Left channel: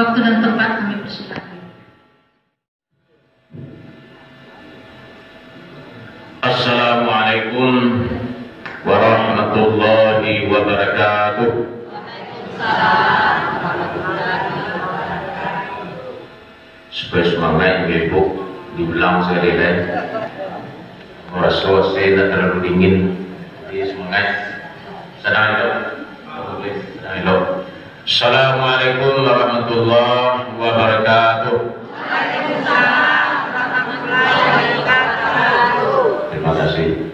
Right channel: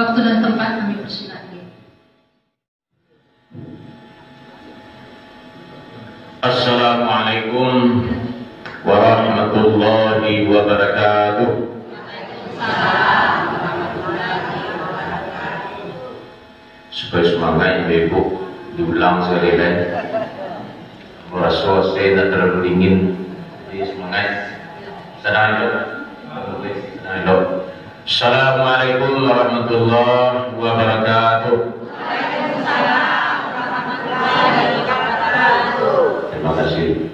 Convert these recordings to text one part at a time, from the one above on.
Waktu dan tempat kami persilakan. Assalamualaikum warahmatullahi wabarakatuh. Supaya semangat ibu diulang sekali lagi. Merasa saya tak terlalu dingin. Jadi semangat. Sedang itu. Assalamualaikum warahmatullahi wabarakatuh. Terima kasih.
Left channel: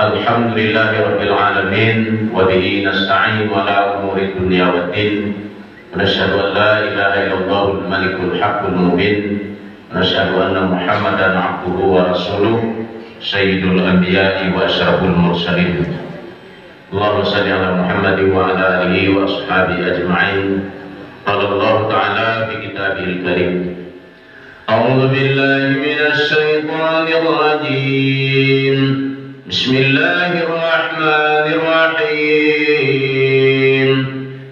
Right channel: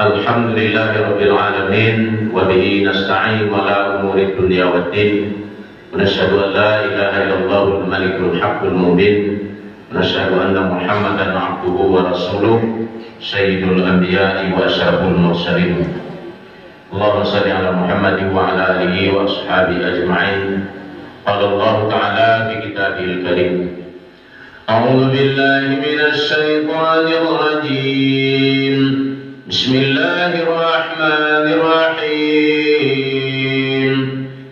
Alhamdulillahirabbil alamin wa bihi nasta'in ala umuri dunya waddin. ونشهد أن لا إله إلا الله الملك الحق المبين ونشهد أن محمدا عبده ورسوله سيد الأنبياء وأشرف المرسلين اللهم صل على محمد وعلى آله وأصحابه أجمعين قال الله تعالى في كتابه الكريم أعوذ بالله من الشيطان الرجيم بسم الله الرحمن الرحيم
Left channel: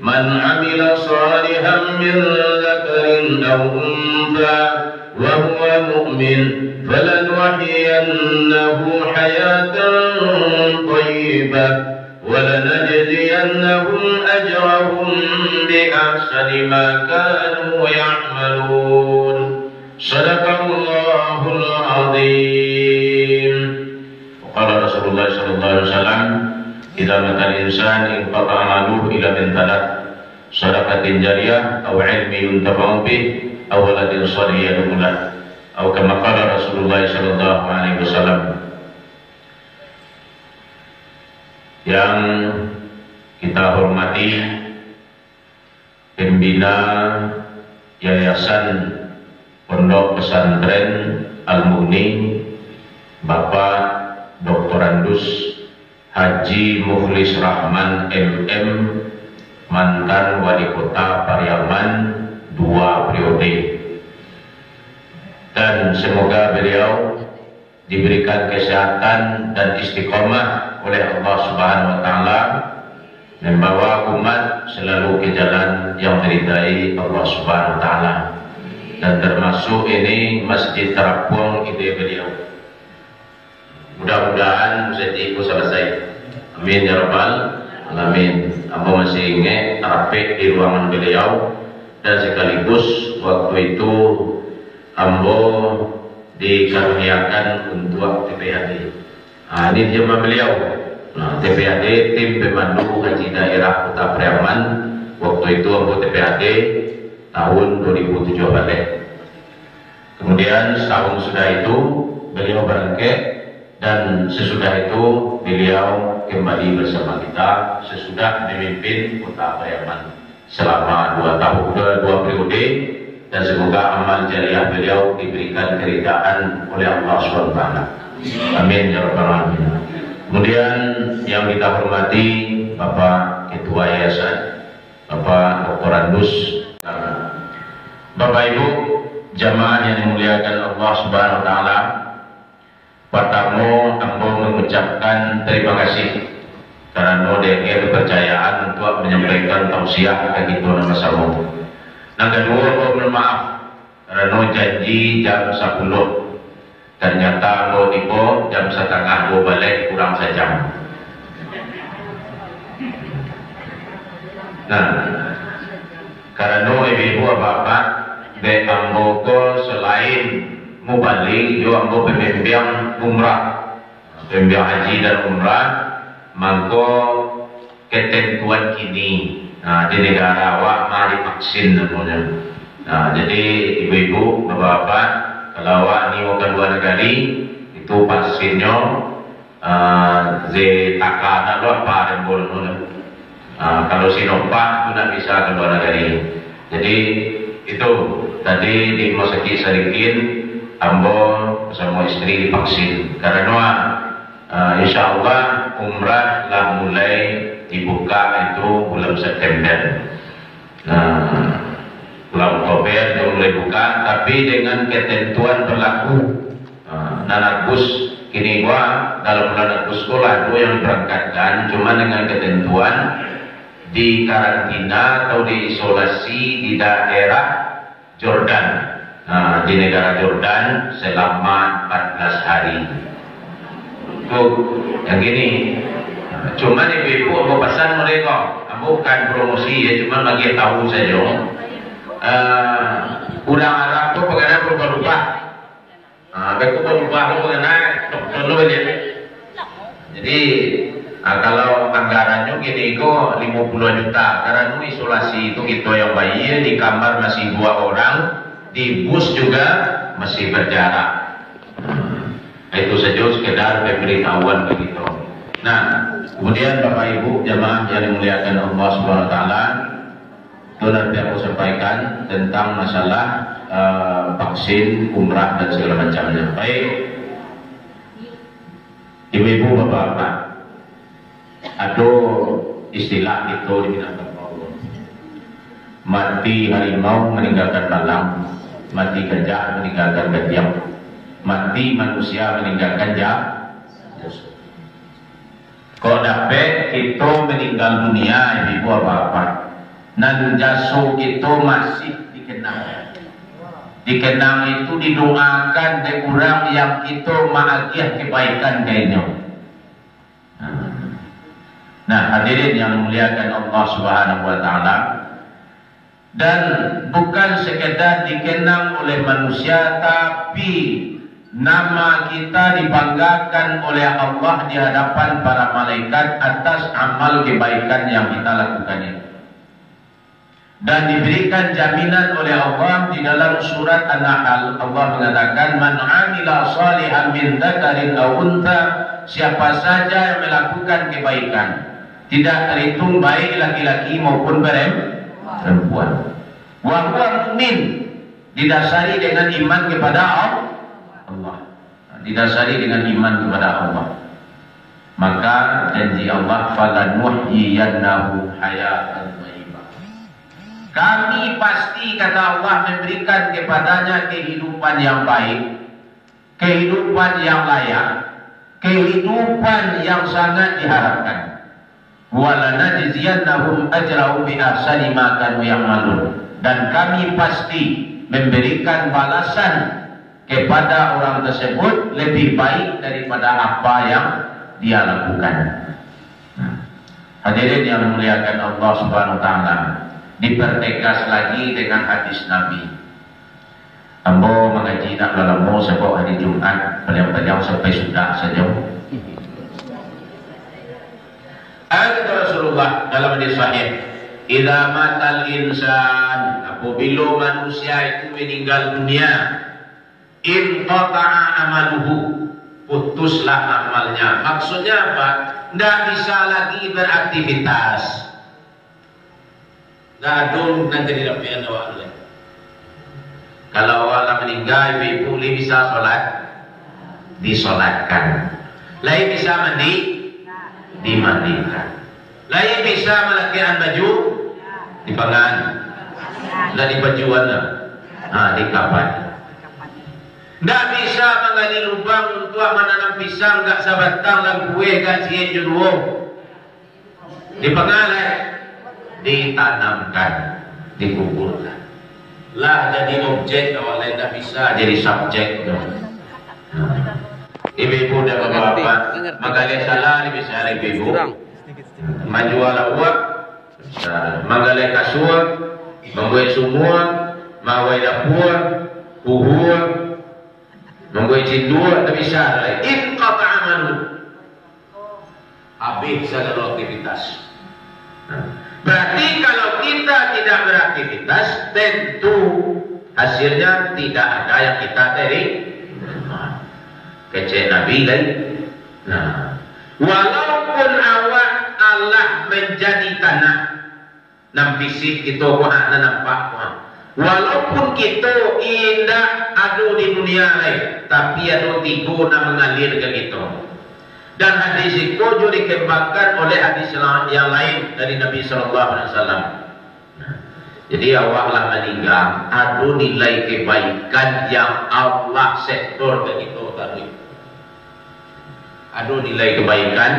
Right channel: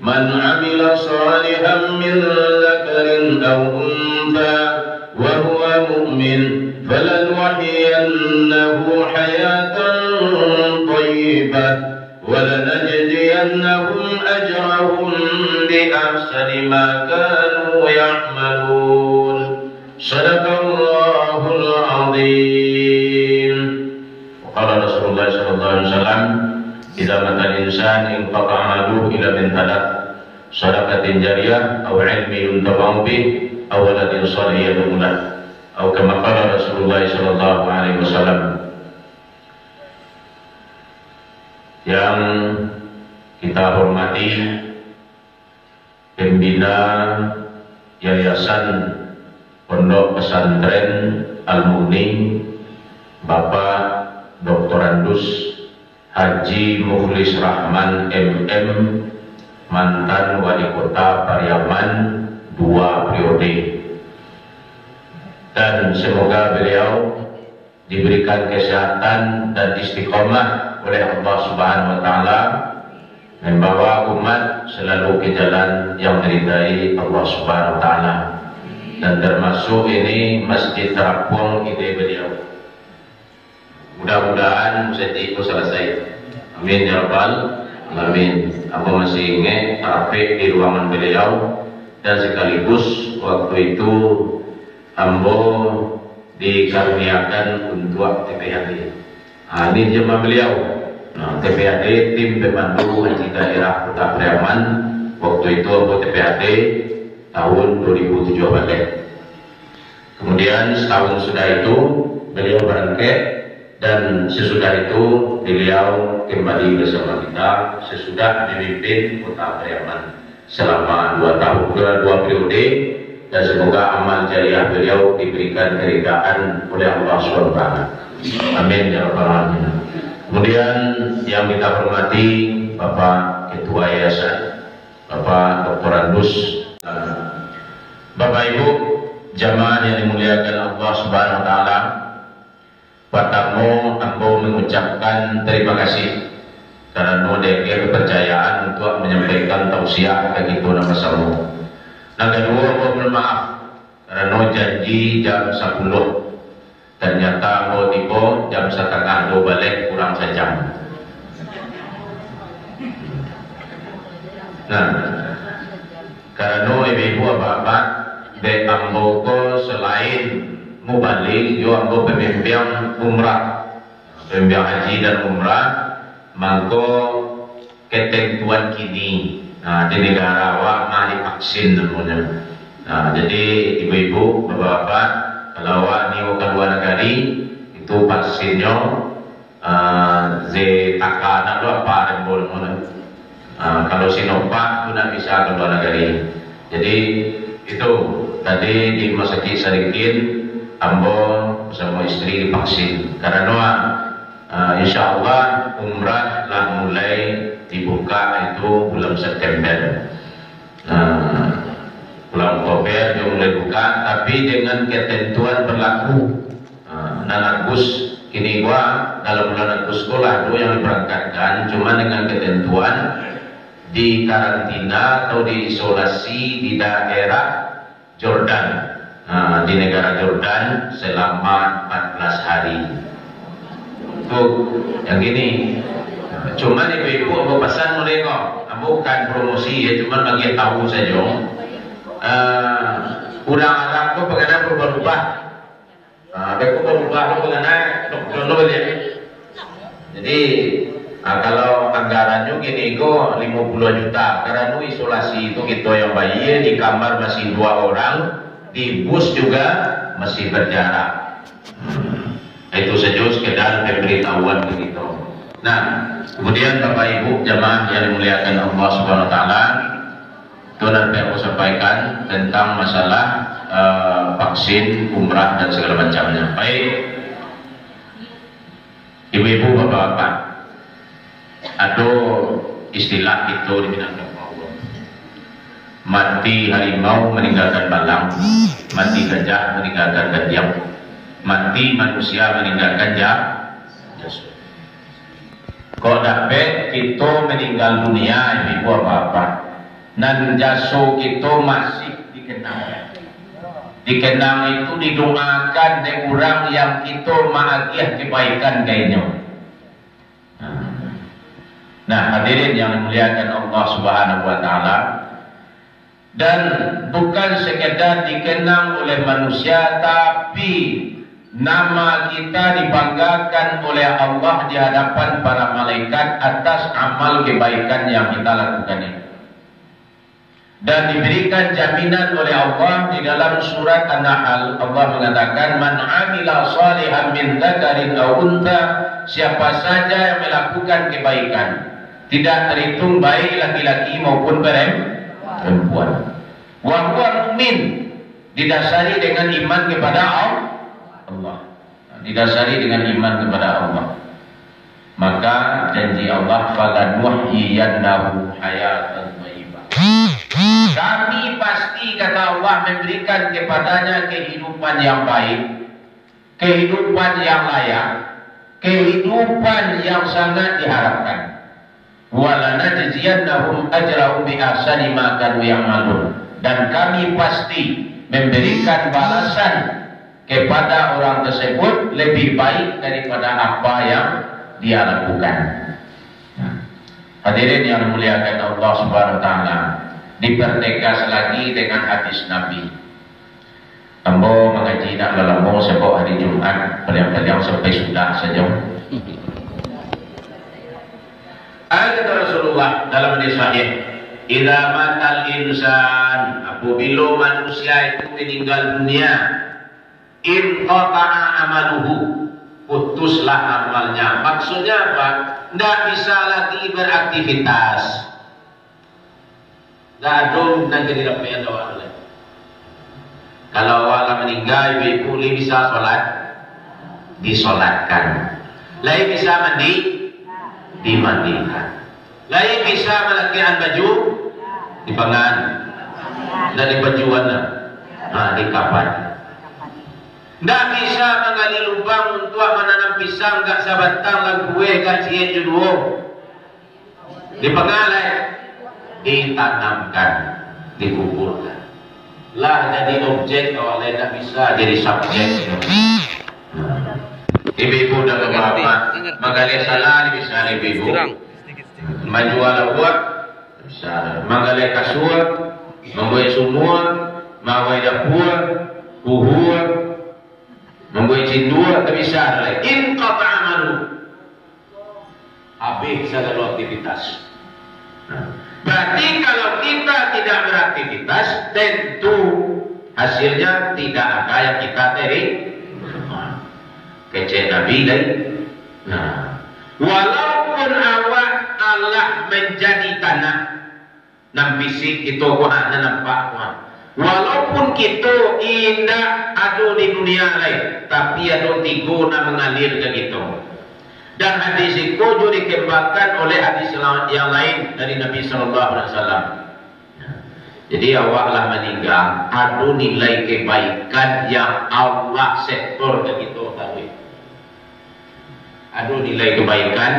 من عمل صالحا من ذكر أو أنثى وهو مؤمن فلنحيينه حياة طيبة ولنجزينهم أجرهم بأحسن ما كانوا يعملون صدق الله العظيم وقال رسول الله صلى الله عليه وسلم إذا مات الإنسان انقطع عمله إلى من ثلاث صدقة جارية أو علم ينتفع به أو ولد صالح يدعو له أو كما قال رسول الله صلى الله عليه وسلم. Yang kita hormati pembina Yayasan Pondok Pesantren Al-Mughni Bapak Dr. Andus Haji Mukhlis Rahman MM, mantan wali kota Pariaman 2 periode, dan semoga beliau diberikan kesehatan dan istiqomah oleh Allah Subhanahu wa taala, membawa umat selalu ke jalan yang diridai Allah Subhanahu wa taala, dan termasuk ini Masjid Terapung ide beliau. Mudah-mudahan masjid itu selesai. Amin ya rabbal alamin. Ambo masih ingat rapi di ruangan beliau, dan sekaligus waktu itu ambo dikaruniakan untuk TPHD. Ini jemaah beliau. TPHD tim pemandu haji daerah Kota Pariaman. Waktu itu ambo TPHD tahun 2007 balik. Kemudian setahun sudah itu beliau berangkat, dan sesudah itu beliau kembali bersama kita sesudah memimpin Kota Pariaman selama 2 tahun, 2 periode, dan semoga amal jariah beliau diberikan keridaan oleh Allah SWT. Amin ya rabbal alamin. Kemudian yang kita hormati Bapak Ketua Yayasan, Bapak Dr. Andus, Bapak Ibu jamaah yang dimuliakan Allah Subhanahu wa taala. Pertama, ambo mengucapkan terima kasih karena dia kepercayaan untuk menyampaikan tausiah ke kita nama sama. Yang kedua, ambo bermaaf karena janji jam 10, ternyata ambo tiba jam 1:30 balik kurang sejam. Nah, karena ibu-ibu apa-apa de ambo ko selain mubalik yo ambo pembimbing umrah, pembimbing haji dan umrah, mangko ketentuan kini di negara awak mah divaksin namanya. Jadi ibu-ibu, bapak-bapak, kalau awak ni ke luar negeri itu vaksinnya Zetaka atau apa dan boleh. Kalau Sinovac itu tidak bisa ke luar negeri. Jadi itu tadi di Masjid Sadikin ambo bersama istri divaksin karena insya Allah umrah lah mulai dibuka itu bulan September, bulan Oktober dia mulai buka, tapi dengan ketentuan berlaku Agustus kini dalam bulan Agustus sekolah itu yang diberangkatkan cuma dengan ketentuan di karantina atau diisolasi di daerah Jordan, di negara Jordan selama 14 hari. Tuh, yang gini. Cuman ibu-ibu aku pesan mereka, bukan promosi ya, cuman bagi tahu saja. Kurang Arab tuh pengennya berubah-ubah. Aku berubah tuh pengennya dulu ya. Jadi kalau anggarannya gini kok 50 juta. Karena isolasi itu kita yang bayi di kamar masih 2 orang, di bus juga masih berjarak. Itu saja sekedar pemberitahuan begitu. Nah, kemudian Bapak Ibu jamaah yang dimuliakan Allah Subhanahu Wa Taala, itu nanti aku sampaikan tentang masalah vaksin, umrah dan segala macamnya. Baik, ibu-ibu, bapak-bapak, ada istilah itu di Minangkabau. Mati harimau meninggalkan malang, mati gajah meninggalkan gajah, mati manusia meninggalkan jasad. Kalau dapat kita meninggal dunia, ibu apa-apa, dan jasa kita masih dikenang. Dikenang itu didoakan dari orang yang kita mengagiah kebaikan kayaknya. Nah, hadirin yang dimuliakan Allah Subhanahu Wa Taala, dan bukan sekedar dikenang oleh manusia, tapi nama kita dibanggakan oleh Allah di hadapan para malaikat atas amal kebaikan yang kita lakukan ini. Dan diberikan jaminan oleh Allah di dalam surat An-Nahl. Allah mengatakan, "Man 'amila shalihan min dzakarin aw untha," siapa saja yang melakukan kebaikan, tidak terhitung baik laki-laki maupun perempuan. Wa huwa mu'min, didasari dengan iman kepada Allah. Didasari dengan iman kepada Allah. Maka janji Allah, "Falanuhyiyannahu hayatan thayyibah." Kami pasti, kata Allah, memberikan kepadanya kehidupan yang baik, kehidupan yang layak, kehidupan yang sangat diharapkan. Walanajziyannahum ajrahum bi ahsani ma kanu ya'malun. Dan kami pasti memberikan balasan kepada orang tersebut lebih baik daripada apa yang dia lakukan. Hadirin yang dimuliakan Allah Subhanahu Wa Taala, dipertegas lagi dengan hadis Nabi. Ambo mengaji nak lalamu sebab hari Jumat paling-paling sampai sudah saja. Ada Rasulullah dalam hadis sahih, "Idza matal insan," apabila manusia itu meninggal dunia, inqata'a amaluhu, putuslah amalnya. Maksudnya apa? Tidak bisa lagi beraktivitas. Dadung nanti tidak ada awal. Kalau awal meninggal, ibu bisa sholat, disolatkan. Lain bisa mandi, dimandikan. Lain bisa melakukan baju, dipangan, dan dibajuan, dikapan. Tidak bisa menggali lubang untuk menanam pisang, gak sabatang lang kue, gak cie juduo. Dipangalai, ditanamkan, dikuburkan. Lah jadi objek, awalnya tidak bisa jadi subjek. Ibu-ibu dan bapak-bapak menggali salah bisa ibu-ibu, menjual uang bisa, menggali kasur, membuat sumur, mawai dapur, buhur, membuat cindul, tidak bisa. Inqata amalu, habis segala aktivitas. Berarti kalau kita tidak beraktivitas, tentu hasilnya tidak ada yang kita terima. Kecil Nabi lain. Nah, walaupun awak Allah menjadi tanah, nam fisik itu kuat nampak kuat. Walaupun kita indah ada di dunia lain, tapi ada tiga nak mengalir ke kita. Dan hadis itu juga dikembangkan oleh hadis yang lain dari Nabi SAW. Jadi awaklah meninggal, ada nilai kebaikan yang Allah setor ke kita tadi. ada nilai kebaikan,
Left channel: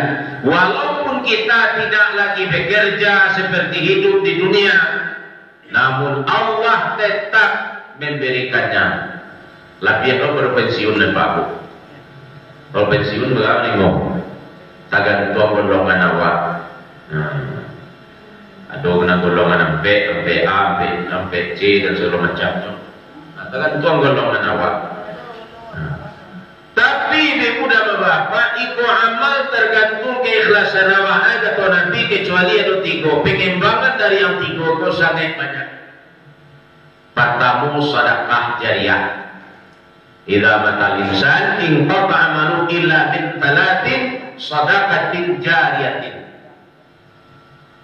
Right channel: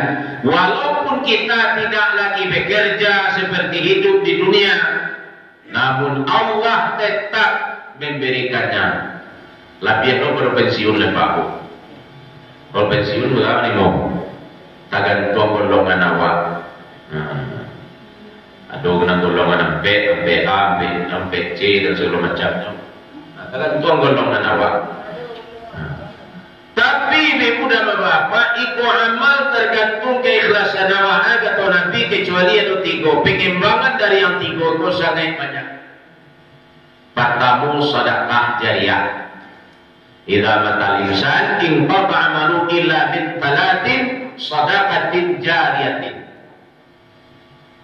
walaupun kita tidak lagi bekerja seperti hidup di dunia, namun Allah tetap memberikannya. Lapian lo berpensiun lepas aku. Kalau pensiun berapa ni mau? Tagan tuang golongan awak. Ada kena golongan sampai A, sampai C dan segala macamnya. Tagan tuang golongan awak. Tapi ibu dan bapak, iku amal tergantung keikhlasan awak atau Nabi, kecuali ada tiga. Pengembangan dari yang tiga kau sangat banyak. Pertama, sedekah jariah. Idza matal insan in qata amalu illa min talatin sadaqatin jariyatin.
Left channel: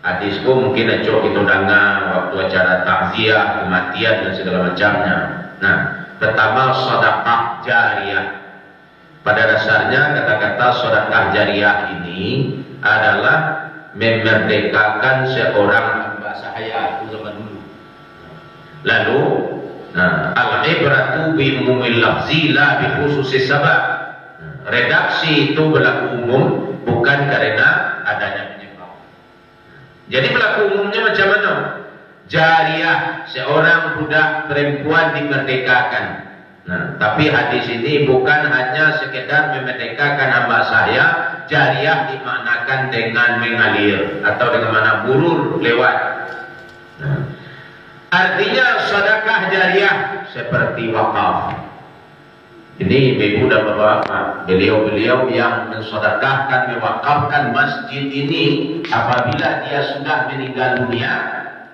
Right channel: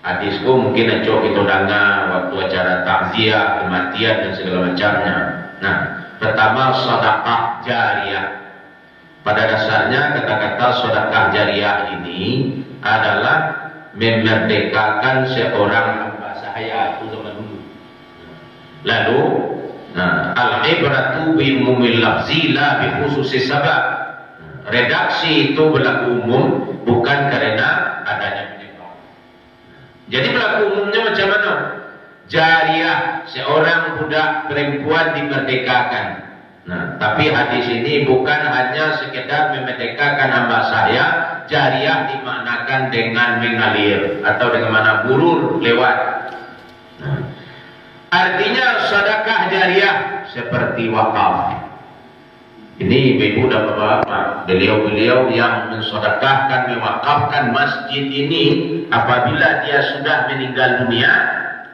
Hadis mungkin aja kita dengar waktu acara takziah, kematian dan segala macamnya. Nah, pertama sedekah jariah. Pada dasarnya kata-kata sedekah jariah ini adalah memerdekakan seorang hamba sahaya itu zaman dulu. Lalu al-ibratu bi umumil lafzi la bi khususis sabab. Redaksi itu berlaku umum bukan karena adanya penyebab. Jadi berlaku umumnya macam mana? Jariah, seorang budak perempuan dimerdekakan. Nah, tapi hadis ini bukan hanya sekedar memerdekakan hamba saya. Jariah dimaknakan dengan mengalir atau dengan mana burur lewat. Nah, artinya sedekah jariah seperti wakaf. Ini ibu dan bapak, beliau-beliau yang mensedekahkan, mewakafkan masjid ini, apabila dia sudah meninggal dunia,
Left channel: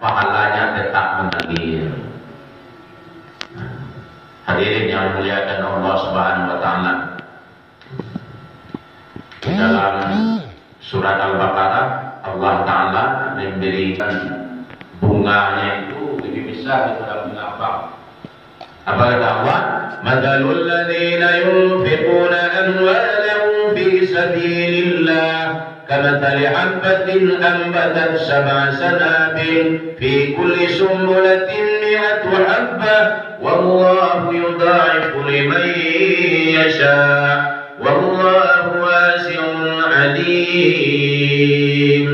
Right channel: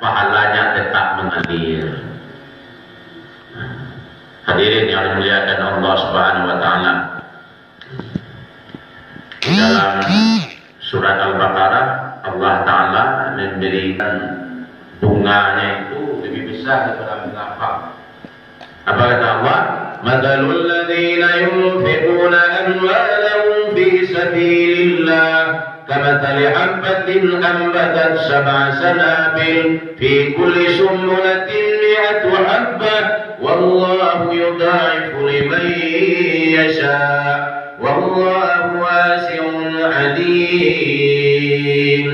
pahalanya tetap mengalir. Hadirin yang dimuliakan Allah Subhanahu wa taala. Dalam surat Al-Baqarah, Allah taala memberikan bunganya itu lebih besar daripada bunga apa? Apa kata Allah? Mathalul ladzina yunfiquna amwalahum fi sabilillah kamathali habbatin anbatat sab'a sanabil fi kulli sumbulatin mi'atu habbah wallahu yudha'ifu liman yasha' wallahu wasi'un 'alim.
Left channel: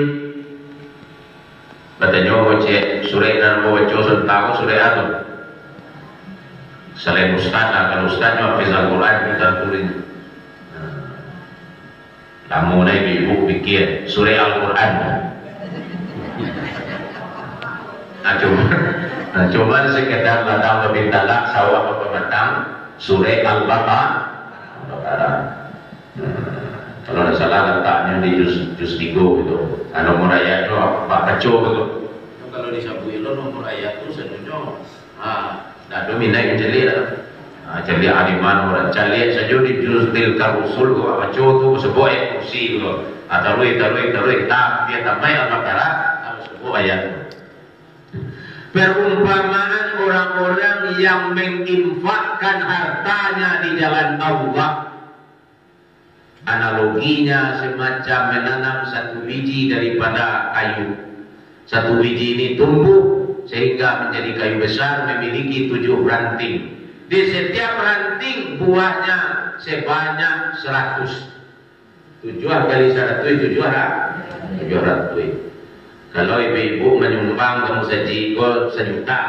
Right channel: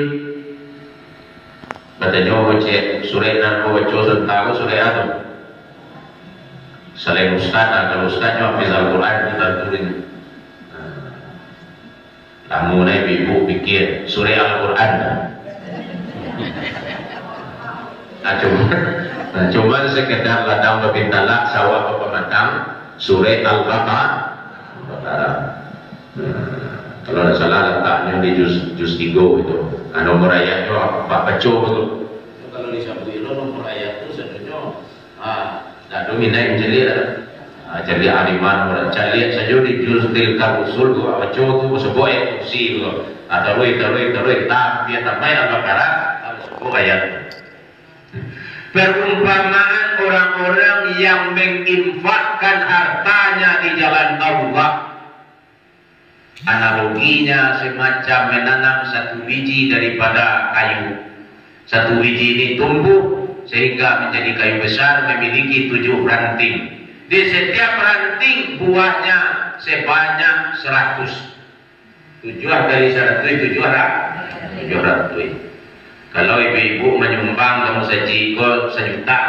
Katanya baca surah dan baca tentang surah Adam. Selain ustaz, kalau ustaznya hafiz Al-Quran kita tulis. Kamu naik ibu pikir surah Al-Quran. Coba sekedar ladang lebih talak sawah pematang surah Al-Baqarah. Kalau ada salah letaknya di juz 3 itu. Nomor ayat itu Pak Paco itu. Kalau disabui lo nomor ayat itu sebenarnya tak dominai menjelir. Jadi aliman orang calian saja di juz tilka rusul go Paco tu sebuah ayat kursi go. Tarui tapi tamai Al-Baqarah sebuah ayat. Perumpamaan orang-orang yang menginfakkan hartanya di jalan Allah. Analoginya semacam menanam satu biji daripada kayu. Satu biji ini tumbuh sehingga menjadi kayu besar, memiliki 7 ranting. Di setiap ranting buahnya sebanyak 100. 7 kali 100 700. Kalau ibu-ibu menyumbang kamu sejuta,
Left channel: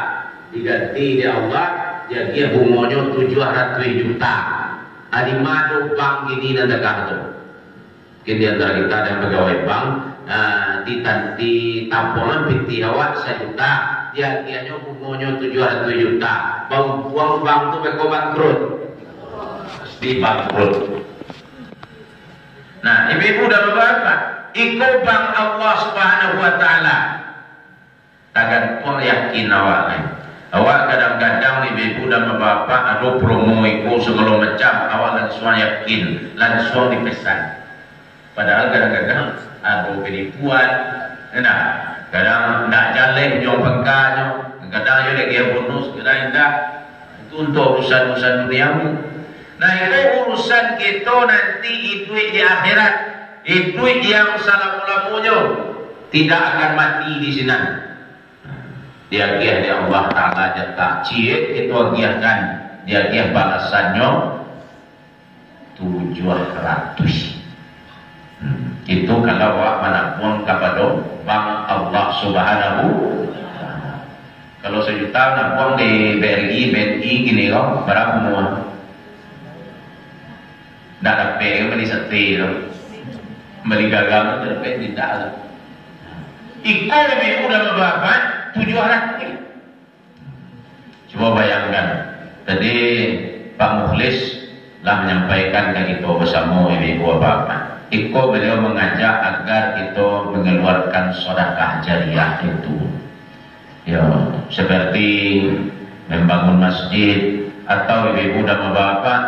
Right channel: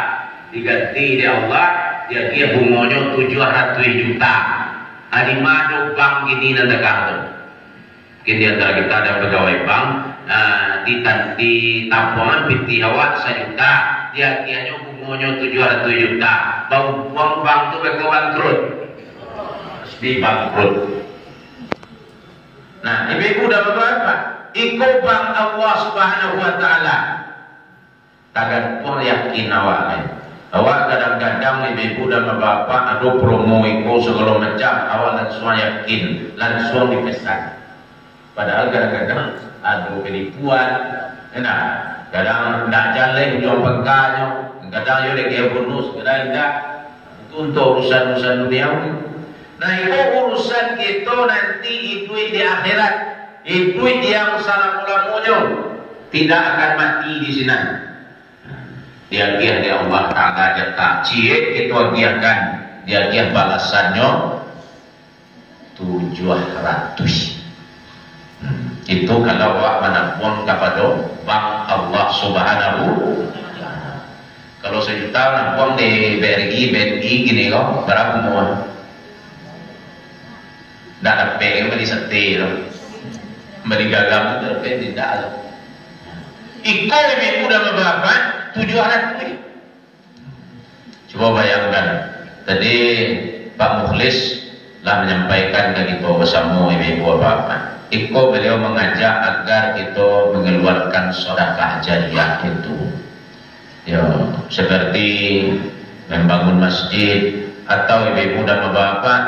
diganti di Allah, dia kira bunganya 700 juta. Alimado bank ini nanda kartu. Kini antara kita ada pegawai bank di tampungan binti awak 1 juta, dia kiranya bunganya 700 juta. Bang buang bank tu mereka bangkrut, di bangkrut. Nah, ibu-ibu dan bapak, ikut bank Allah Subhanahu wa taala. Tagan pun yakin awak ni. Awak kadang-kadang ibu dan bapak ada promo itu segala macam, awak langsung yakin, langsung dipesan. Padahal kadang-kadang ada penipuan. Nah, kadang nak jalan jom pengkanya, kadang yo lagi bonus, kadang tidak. Itu untuk urusan-urusan duniawi. Nah, itu urusan kita nanti itu di akhirat. Itu yang salam-ulamunya tidak akan mati di sini. Dia giah di Allah Ta'ala tak cie itu giahkan. Dia giah balasannya 700. Itu kalau awak menampung kepada bank Allah Subhanahu. Kalau sejuta nampung di BRI, BNI gini kok berapa semua? Tidak dapat, beli setir, beli gagal, tidak dapat, tidak ada. Iko lebih mudah berapa? 700. Coba bayangkan, tadi Pak Mukhlis lah menyampaikan ke kita bersama ibu bapak. Iko beliau mengajak agar kita mengeluarkan sedekah jariah itu, ya seperti membangun masjid atau ibu dan bapak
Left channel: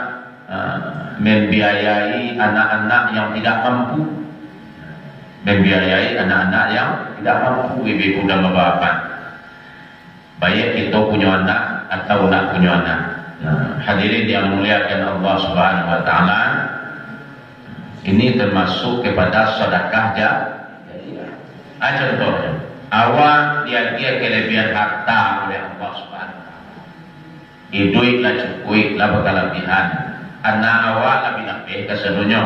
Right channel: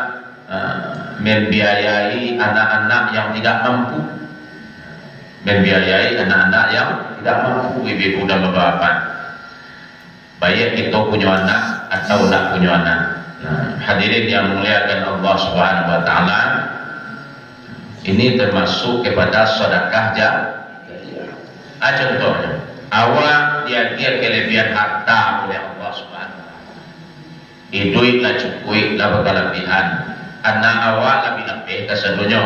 membiayai anak-anak yang tidak mampu, membiayai anak-anak yang tidak mampu ibu dan bapak. Baik kita punya anak atau nak punya anak. Nah, hadirin yang muliakan Allah Subhanahu wa taala, ini termasuk kepada sedekah jariah. Contohnya, awak dia kelebihan harta oleh Allah Subhanahu wa taala. Duitlah cukup, lah berkelebihan. Anak awak lebih kesedunya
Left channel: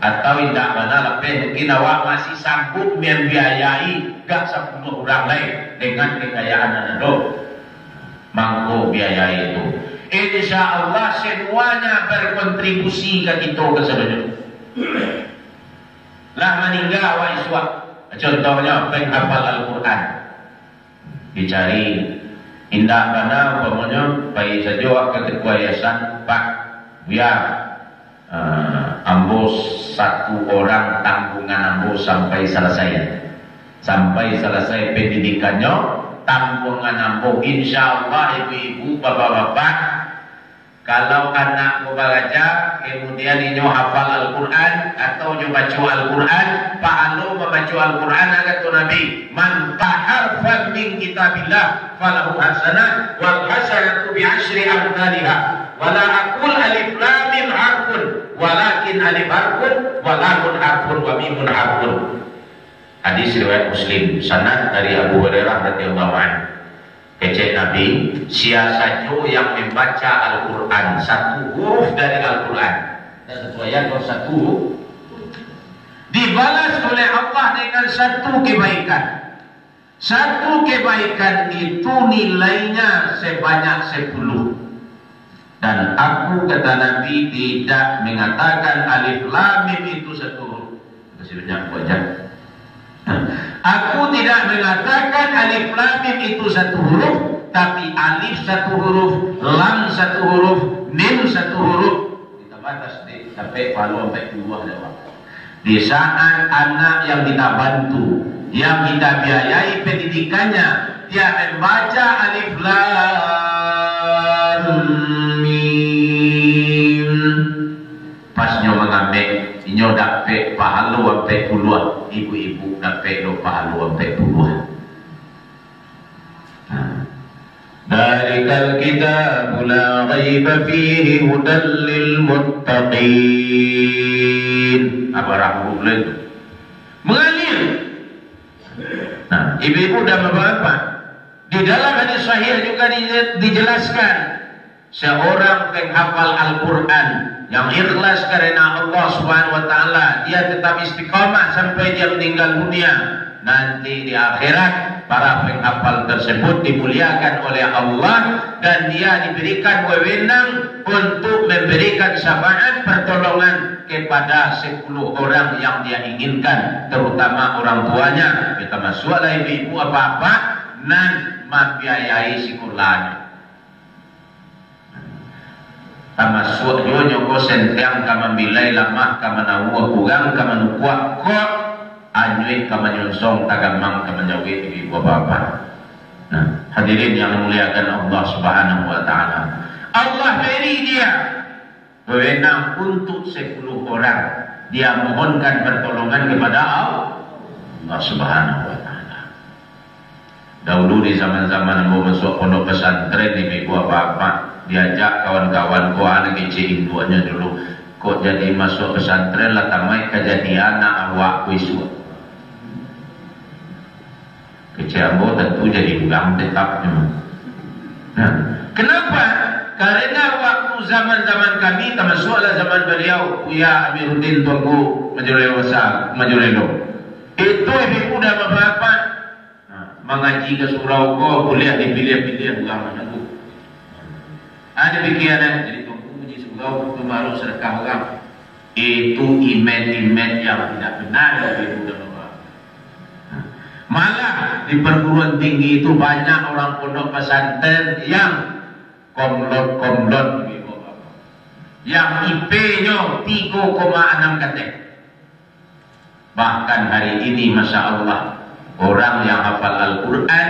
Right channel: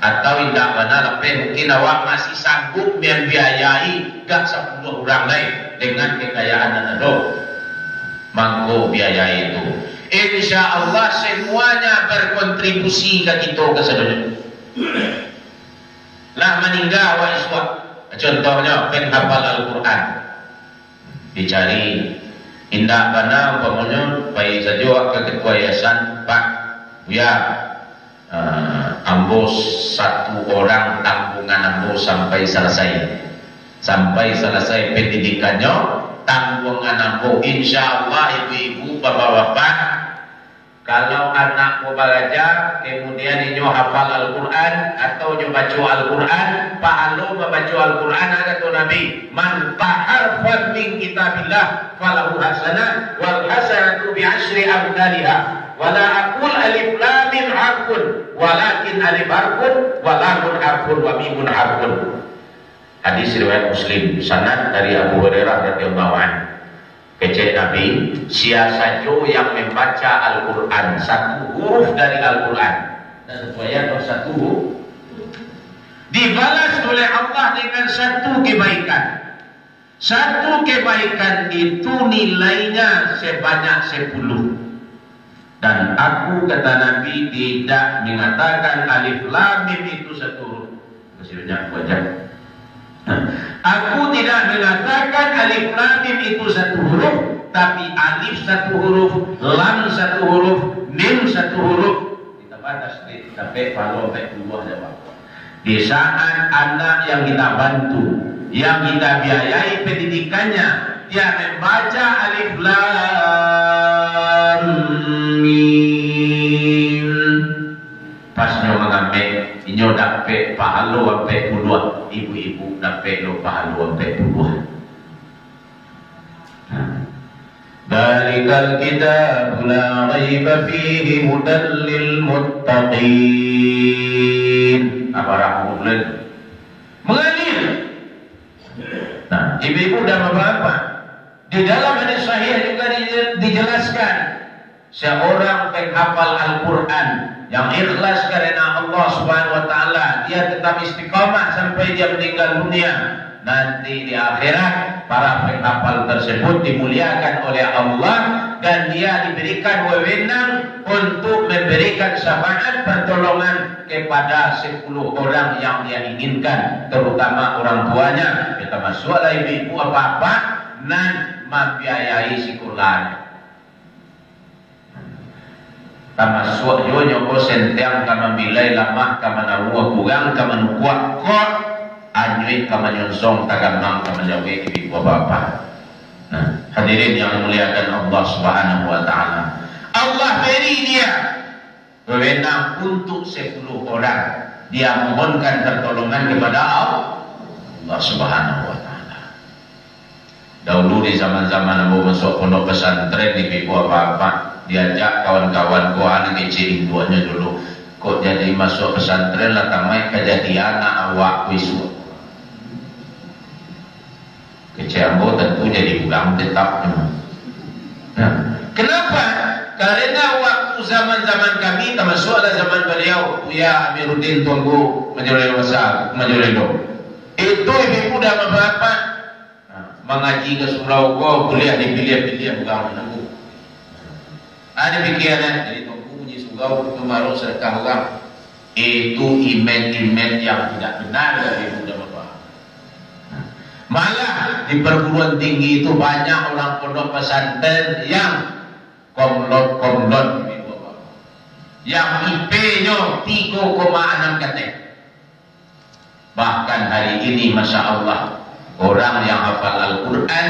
atau tidak mana lebih, mungkin awak masih sanggup membiayai gak 10 orang lain dengan kekayaan anda. Mangko biaya itu, insya Allah semuanya berkontribusi ke kita kesedunya. Lah meninggal awak iswak. Contohnya penghafal Al-Quran, dicari indah mana umpamanya bayi saja ke ketua yayasan Pak Buya, ambo 1 orang tanggungan ambo sampai selesai pendidikannya, tanggungan ambo insya Allah ibu-ibu bapak-bapak, kalau anak mau belajar kemudian inyo hafal Al-Quran atau inyo baca Al-Quran, pahala membaca Al-Quran kata Nabi, man taharfa min kitabillah falahu hasanah wal hasanatu bi asyri amsalha. Wala aqul alif lam mim harfun walakin alif harfun wa lamun harfun wa mimun harfun. Hadis riwayat Muslim, sanad dari Abu Hurairah radhiyallahu anhu. Kecek Nabi, siapa saja yang membaca Al-Quran 1 huruf dari Al-Quran dan sesuai atau 1 huruf, dibalas oleh Allah dengan 1 kebaikan. 1 kebaikan itu nilainya sebanyak 10. Dan aku kata Nabi tidak mengatakan alif lam mim itu 1 huruf. Masih banyak wajah. Aku tidak mengatakan alif lam mim itu 1 huruf, tapi alif 1 huruf, lam 1 huruf, mim 1 huruf. Kita batas sampai palu sampai 2 lewat. Di saat anak yang kita bantu, yang kita biayai pendidikannya, dia membaca alif lam mim, pasnya mengambil inyo dapat pahala sampai puluhan, ibu-ibu dapat pahala sampai puluhan. Dalikal kitab la raiba fihi hudan lil muttaqin. Apa rahmullah mengalir. Nah, ibu-ibu dan bapak-bapak, di dalam hadis sahih juga dijelaskan seorang penghafal Al-Quran yang ikhlas karena Allah Subhanahu wa taala, dia tetap istiqamah sampai dia meninggal dunia. Nanti di akhirat para penghafal tersebut dimuliakan oleh Allah dan dia diberikan wewenang untuk memberikan syafaat pertolongan kepada 10 orang yang dia inginkan, terutama orang tuanya. Kita masuklah ibu-ibu apa-apa nan membiayai sekolahnya. Tamasuk jo nyoko sentiang kama bilai lamah kama nawa kurang kama nukuak kok anyui kama nyonsong tagamang kama jawe ibu bapak. Nah, hadirin yang memuliakan Allah Subhanahu wa taala, Allah beri dia wewenang untuk 10 orang, dia mohonkan pertolongan kepada Allah Subhanahu wa taala. Dahulu di zaman-zaman mau masuk pondok pesantren ibu bapak, diajak kawan-kawan ko anak kecil duanya dulu, kok jadi masuk pesantren lah tamai kejadian awak wisu kecambo tentu jadi buang tetap. Nah, kenapa? Karena waktu zaman-zaman kami termasuklah zaman beliau Buya Amiruddin Tuanku Majorel Wasa Majorelo. Itu ibu dan bapak mengaji ke surau ko boleh dipilih-pilih agama aku. Ada pikiran jadi Tuanku puji surau kemarin sedekah orang. Itu imen-imen yang tidak benar dari ibu dan bapak. Malah di perguruan tinggi itu banyak orang pondok pesantren yang komlot yang IP-nya 3,6 ketek. Bahkan hari ini Masya Allah orang yang hafal Al-Quran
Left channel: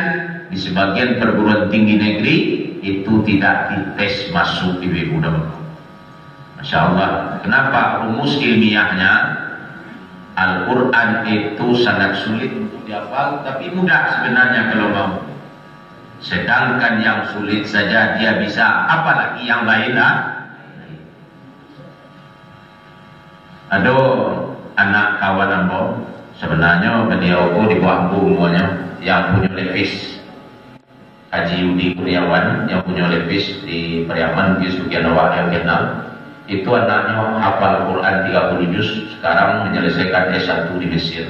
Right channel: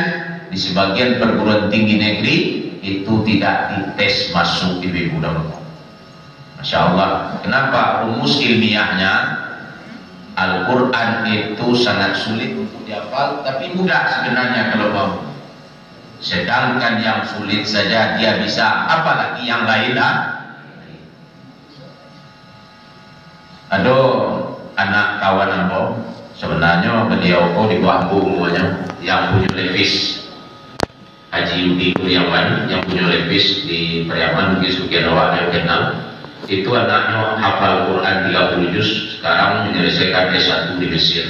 di sebagian perguruan tinggi negeri itu tidak dites masuk ibu dan bapak. Masya Allah. Kenapa? Rumus ilmiahnya Al-Quran itu sangat sulit untuk dihafal, tapi mudah sebenarnya kalau mau. Sedangkan yang sulit saja dia bisa, apalagi yang lain lah. Ada anak kawan ambo, sebenarnya beliau di bawah umurnya yang punya levis Haji Yudi Kurniawan yang punya levis di Pariaman di Sugianawa Vietnam. Itu anaknya hafal Quran 30 juz, sekarang menyelesaikan S1 di Mesir.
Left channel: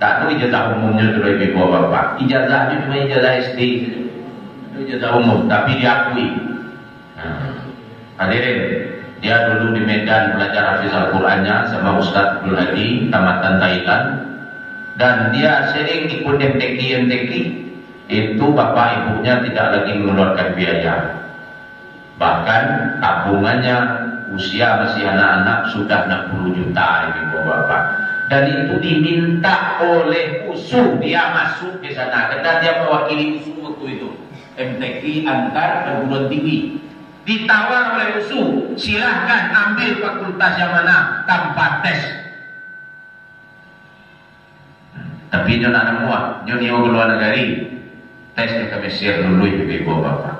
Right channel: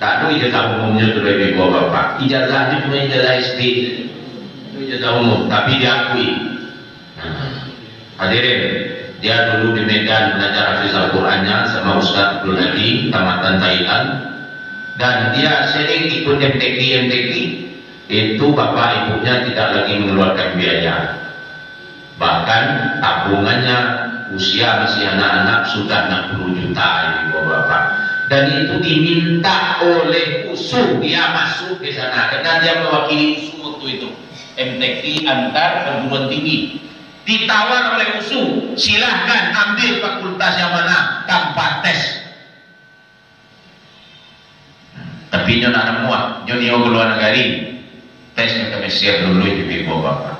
Tak ada ijazah umumnya tu dari bawah bapak. Ijazah itu cuma ijazah SD. Itu ijazah umum, tapi diakui. Hadirin, dia dulu di Medan belajar hafiz Al-Qurannya sama Ustaz Abdul Hadi, tamatan Thailand. Dan dia sering ikut MTQ. Itu bapak ibunya tidak lagi mengeluarkan biaya. Bahkan tabungannya usia masih anak-anak sudah 60 juta ini bapak. Dan itu diminta oleh USU, dia masuk di sana karena dia mewakili USU waktu itu. MTQ antar perguruan tinggi. Ditawar oleh USU, silahkan ambil fakultas yang mana tanpa tes. Tapi nyonya anak muat, nyonya keluar negari, tesnya ke Mesir dulu ibu bapak.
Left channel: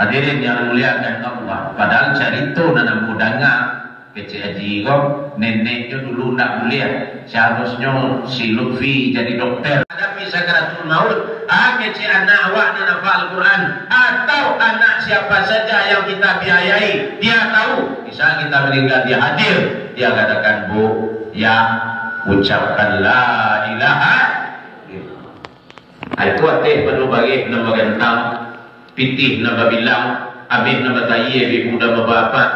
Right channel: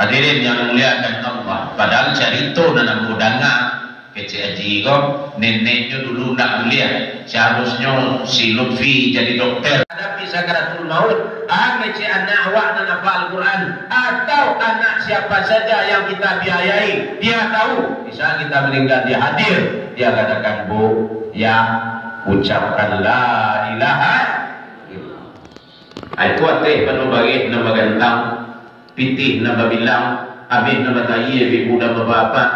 Hadirin yang muliakan Allah, padahal cerita dan mudanga kecil haji kok neneknya dulu nak kuliah, seharusnya si Lutfi jadi dokter. Hadapi sakaratul maut, kecil anak awak dan hafal Al-Quran atau anak siapa saja yang kita biayai, dia tahu. Bisa kita meninggal dia hadir, dia katakan bu, ya ucapkan la ilaha illallah. Itu arti penuh bagi nama gantang, pitih nama bilang, abid nama tayi, ibu nama bapak.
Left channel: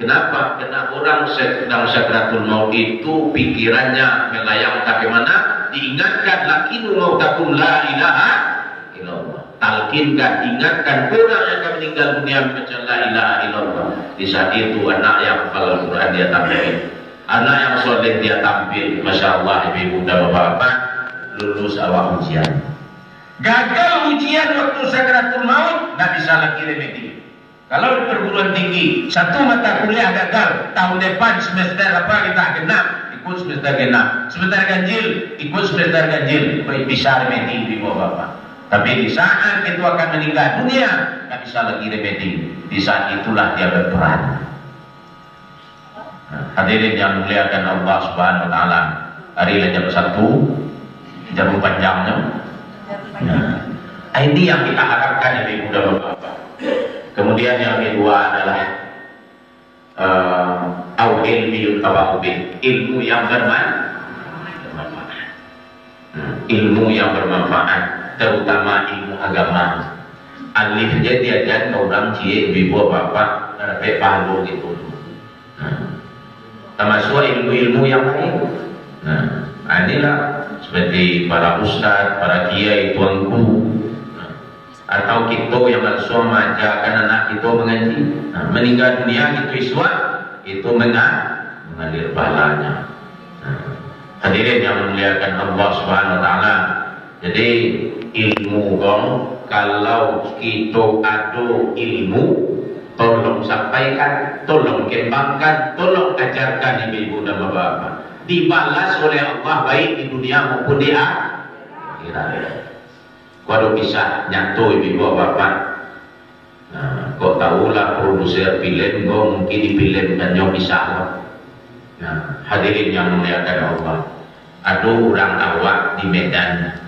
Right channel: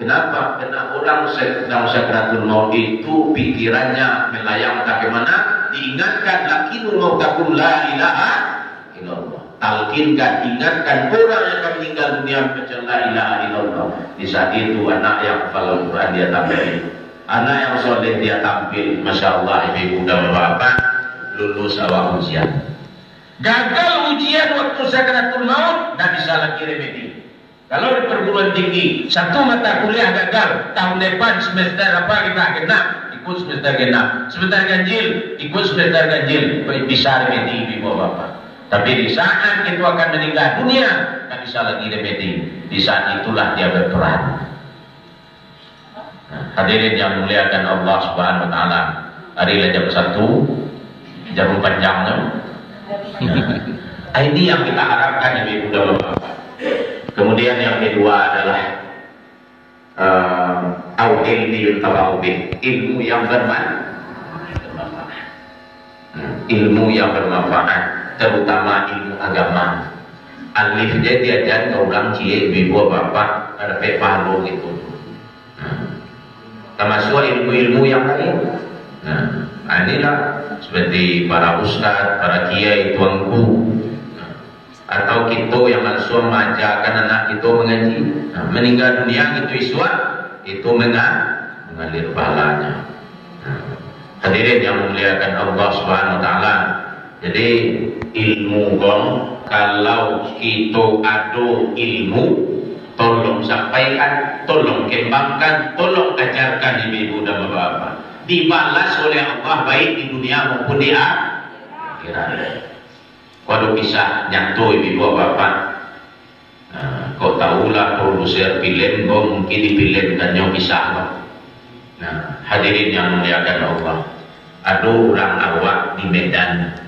Kenapa? Karena orang sedang sakratul maut itu pikirannya melayang bagaimana? Diingatkan lakinu mautakum la ilaha illallah. Talkinkan, ingatkan orang yang akan meninggal dunia membaca la ilaha illallah. Di saat itu anak yang hafal Al-Quran dia tampil, anak yang soleh dia tampil. Masya Allah ibu dan bapak lulus awal ujian. Gagal ujian waktu sakratul maut, tidak bisa lagi remedi. Kalau di perguruan tinggi, satu mata kuliah gagal, tahun depan semester apa kita genap, ikut semester genap. Semester ganjil, ikut semester ganjil. Bisa remedi ibu bapak. Tapi di saat itu akan meninggal dunia, tidak bisa lagi remedi. Di saat itulah dia berperan. Hadirin yang muliakan Allah Subhanahu Wa Taala, hari jam 1, jam panjangnya. Ini yang kita harapkan ibu dan bapak. Kemudian yang kedua adalah ilmu yang bermanfaat. Ilmu yang bermanfaat, terutama ilmu agama. Alif jadi diajar orang cie ibu bapak ada pahalu gitu. Termasuk ilmu-ilmu yang lain. Nah, inilah seperti para ustaz, para kiai, tuanku, atau kita yang langsung mengajarkan anak kita mengaji. Nah, meninggal dunia gitu iswat, itu mengalir pahalanya. Hadirin yang memuliakan Allah Subhanahu Wa Taala. Jadi ilmu dong, kalau kita ada ilmu, tolong sampaikan, tolong kembangkan, tolong ajarkan ibu dan bapak. Dibalas oleh Allah baik di dunia maupun di akhirat. Kalau bisa nyantu ibu bapak, kau tahulah produser film, kau mungkin dipilihkan yang bisa. Nah, hadirin yang muliakan Allah, ada orang awak di Medan.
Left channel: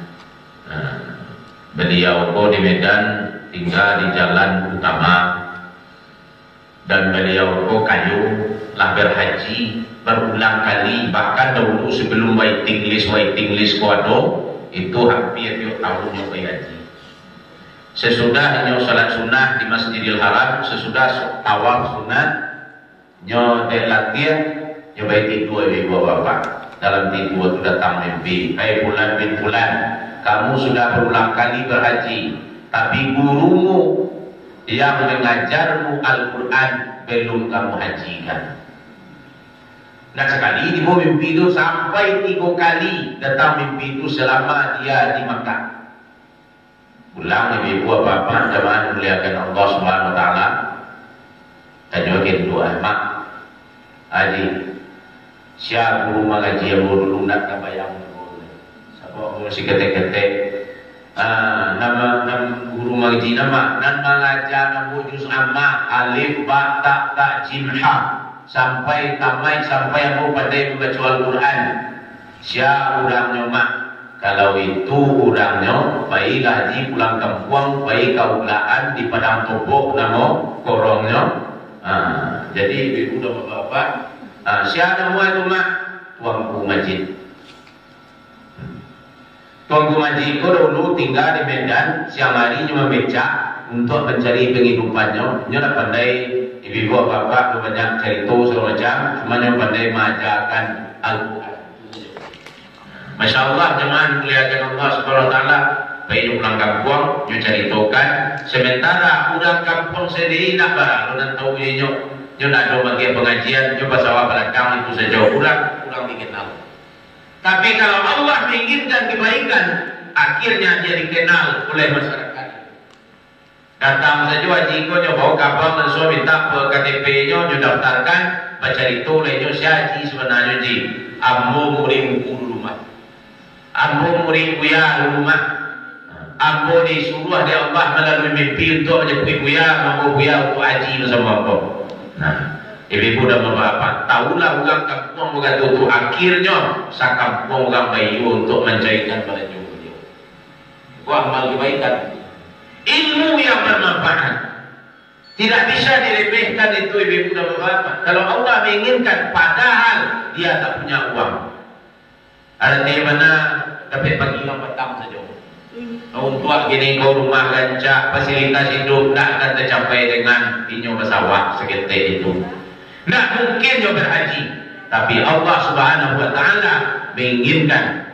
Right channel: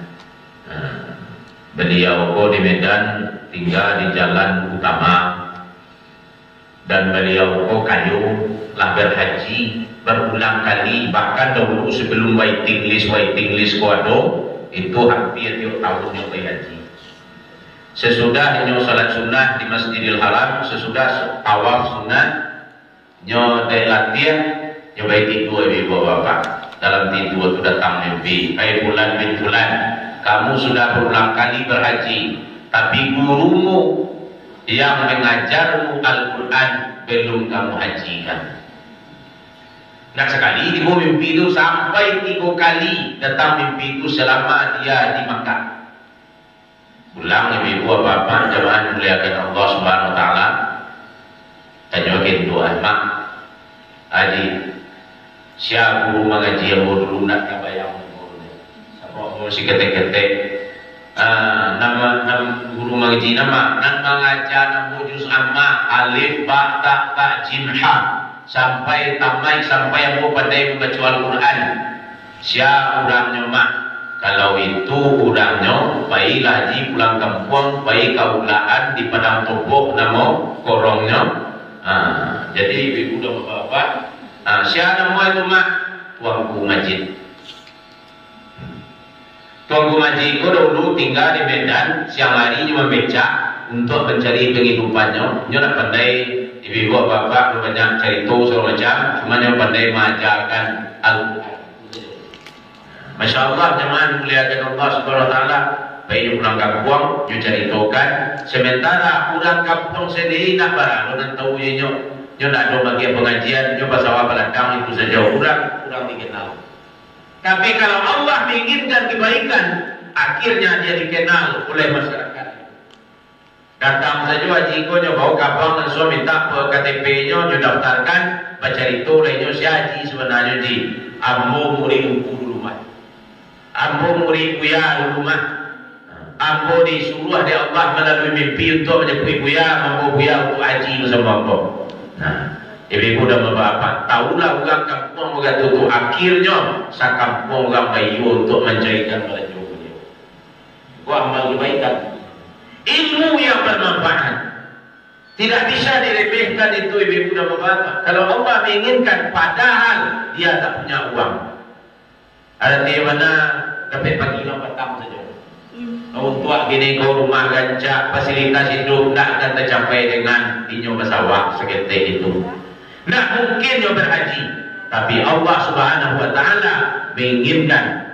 Beliau kau di Medan tinggal di jalan utama dan beliau kayu lah berhaji berulang kali, bahkan dahulu sebelum waiting list kuado itu hampir tiap tahun yang berhaji. Sesudah nyo salat sunnah di Masjidil Haram, sesudah tawaf sunnah nyo latihan nyo baik itu ibu bapak. Dalam tidur itu datang mimpi, hai bulan bin bulan, kamu sudah berulang kali berhaji, tapi gurumu yang mengajarmu Al-Quran belum kamu hajikan. Nah sekali ibu mimpi itu sampai 3 kali datang mimpi itu selama dia di Makkah. Pulang ibu bapak jemaah muliakan Allah Subhanahu Wa Taala, tanyakin doa mak, adik, siapa guru mengaji yang dulu nak kabayang guru, siapa masih ketek-ketek. Nama guru mengaji nama mengajar nama juz amma alif ba ta jim ha sampai tamat sampai yang pandai membaca Al-Quran. Siapa orangnya mak? Kalau itu orangnya baiklah di pulang kampung, baik kaulaan di padang topok nama korongnya. Jadi ibu dan bapak, siapa nama itu mak? Tuanku Majid. Tuanku Majid itu dulu tinggal di Medan, siang hari cuma becak untuk mencari penghidupannya. Dia nak pandai ibu bapak banyak cerita segala macam, cuma yang pandai mengajarkan Al-Quran. Masya Allah jemaah muliakan Allah Subhanahu Wa Taala, baik pulang kampung, dia ceritakan. Sementara orang kampung sendiri nak barang, orang tahu dia nak ada bagian pengajian, dia pasal belakang itu saja orang dikenal. Tapi kalau Allah menginginkan kebaikan, akhirnya dia dikenal oleh masyarakat. Datang saja wajibnya bawa kapal manusia minta KTP-nya, dia daftarkan, baca itu lainnya si haji sebenarnya ji, ambo murid buku rumah, ambo murid kuya rumah, ambo disuruh dia Allah melalui mimpi untuk menjadi kuya, ambo kuya untuk haji sama ambo. Nah, ibu dan bapak tahulah orang kampung orang itu akhirnya sakampung orang bayu untuk mencarikan baju beliau. Buat amal kebaikan, ilmu yang bermanfaat tidak bisa diremehkan itu ibu dan bapak. Kalau Allah menginginkan, padahal dia tak punya uang, ada di mana dapat pagi petang saja. Untuk gini kau rumah gancak fasilitas hidup tak akan tercapai dengan inyo pesawat seketik itu. Nah mungkin dia berhaji, tapi Allah Subhanahu Wa Taala menginginkan.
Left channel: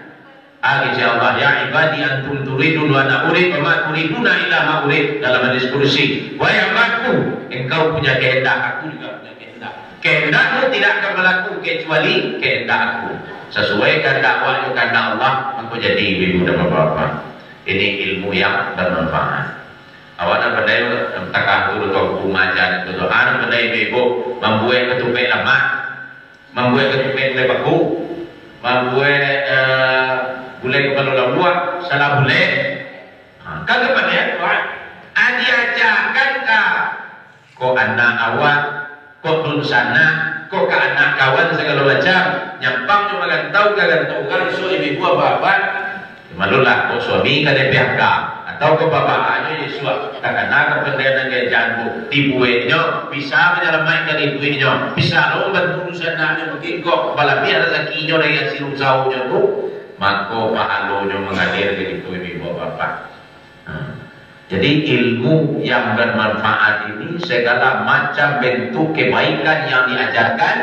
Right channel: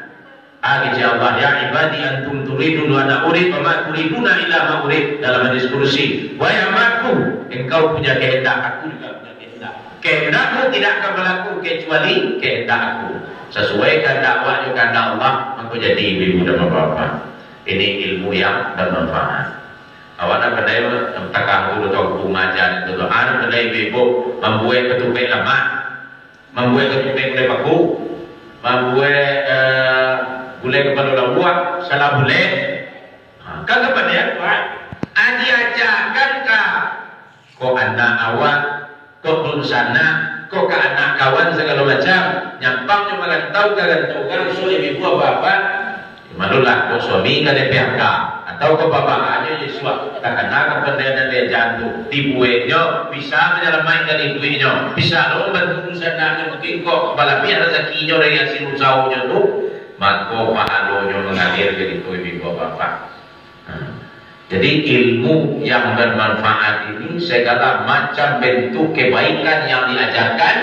Akhirnya Allah ya ibadi antum turidun wa ana urid wa ma turiduna illa ma urid, dalam hadis kursi. Wahai hambaku, engkau punya kehendak, aku juga punya kehendak. Kehendakmu tidak akan berlaku kecuali kehendak aku. Sesuai kehendak Allah, kehendak Allah, maka jadi ibu dan bapak. Ini ilmu yang bermanfaat. Awak pandai takah dulu tu kumajan tu. Anu pandai ibu membuat ketupek lama, membuat ketupek boleh baku, membuat boleh kepala laluak, salah boleh. Kan pandai tuan. Adi ajarkan kah? Kau anak awak, kau dun sana, kau ke anak kawan segala macam. Nyampang cuma kan tahu kan so ibu bapak. Malulah kau suami ke PHK atau ke bapaknya Yesus karena kepentingan dia jantung dibuatnya bisa menyelamatkan ibunya, bisa lo bantu usaha mungkin kok kepala biar rezekinya dari hasil usahanya tu, maka pahalanya mengalir dari itu ibu bapak. Jadi ilmu yang bermanfaat ini segala macam bentuk kebaikan yang diajarkan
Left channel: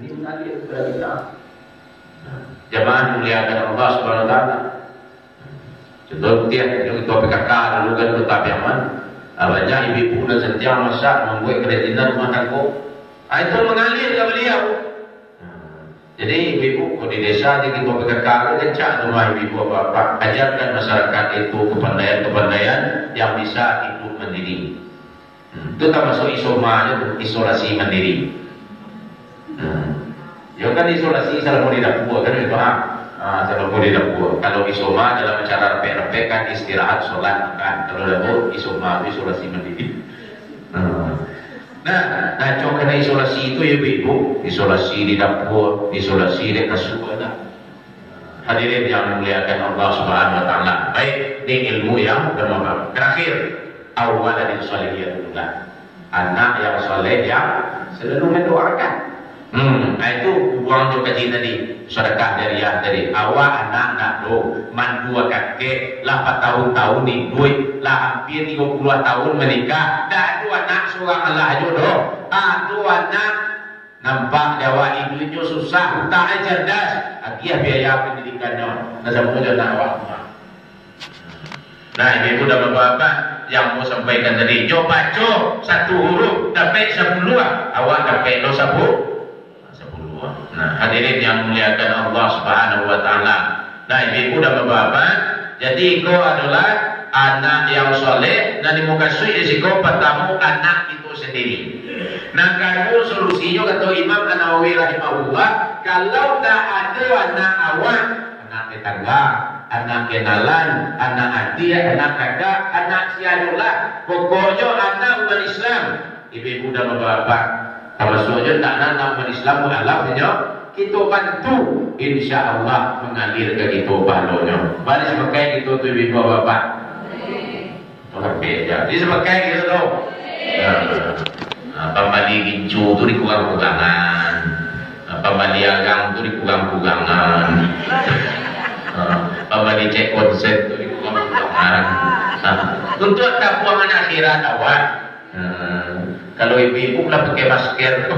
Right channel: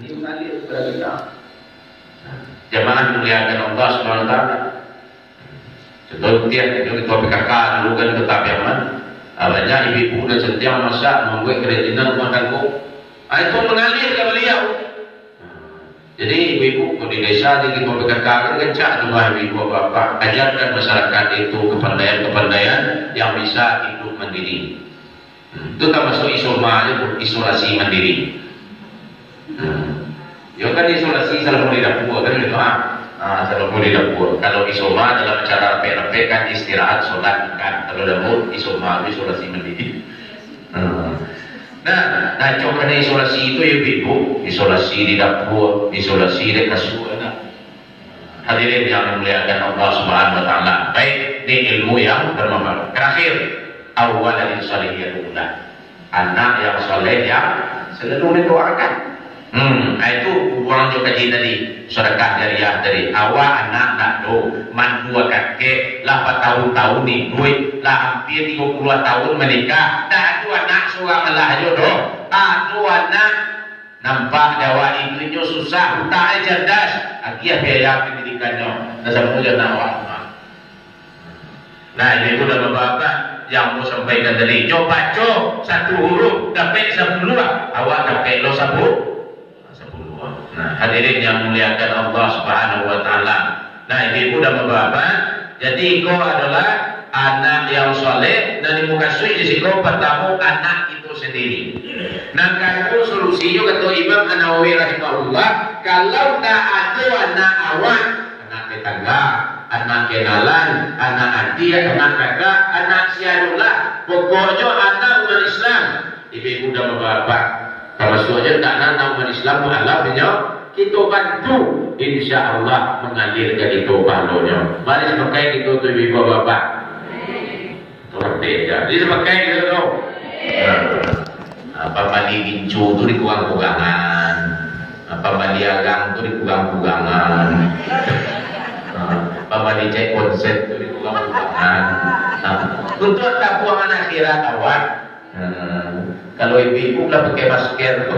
ini mengalir kepada kita. Jemaah muliakan Allah Subhanahu Wa Taala. Contoh dia ketua PKK dulu kan tetap Yaman, banyak ibu-ibu dan setiap masak membuat kerajinan rumah tangga. Itu mengalir ke beliau. Jadi ibu-ibu di desa di ketua PKK kan kencak rumah ibu bapak, ajarkan masyarakat itu kepandaian yang bisa hidup mandiri. Itu termasuk isolasi mandiri. Ya kan isolasi salah di dapur kan itu kalau boleh dapur. Kalau isoma dalam cara repek kan istirahat, sholat kan. Kalau dapur isoma isolasi mandiri. Nah, karena isolasi itu ya ibu, isolasi di dapur, isolasi di kasur. Hadirin yang dimuliakan Allah Subhanahu Wa Taala. Baik, ini ilmu yang bermanfaat. Terakhir, awal dari salihiyatullah. anak yang soleh yang selalu mendoakan. Itu buang juga tadi sedekah jariah tadi. Awak anak nak do, man dua kakek, lah 4 tahun-tahun ni duit, lah hampir 32 tahun menikah. Dah dua anak seorang lah jodoh. Dua anak nampak Jawa ibunya susah, hutangnya cerdas, akhirnya biaya pendidikannya. Nah, sama saja nak awak. Nah, ibu dan bapak yang mau sampaikan tadi, jo baca satu huruf dapat 10, awak dapat lo 10. Nah, hadirin yang muliakan Allah Subhanahu wa taala. Nah, ibu dan bapak, jadi kau adalah anak yang soleh dan di muka suci di kau bertemu anak itu sendiri. Nah, kalau solusinya kata Imam An-Nawawi rahimahullah, kalau tak ada anak awak, anak tetangga, anak kenalan, anak adik, anak kakak, anak sianulah, pokoknya anak umat Islam, ibu dan bapak. Termasuk aja tak nak umat Islam mu'alafnya, kita bantu insya Allah mengalir ke itu pahalanya. Mari sebagai itu tu ibu bapak. Orang beda. Jadi sebagai itu tu. Apa mandi gincu tu dikurang-kurangan. Apa mandi agang tu dikurang-kurangan. Apa mandi cek konsep tu dikurang-kurangan. Untuk tabungan akhirat awak. Kalau ibu-ibu lah pakai masker,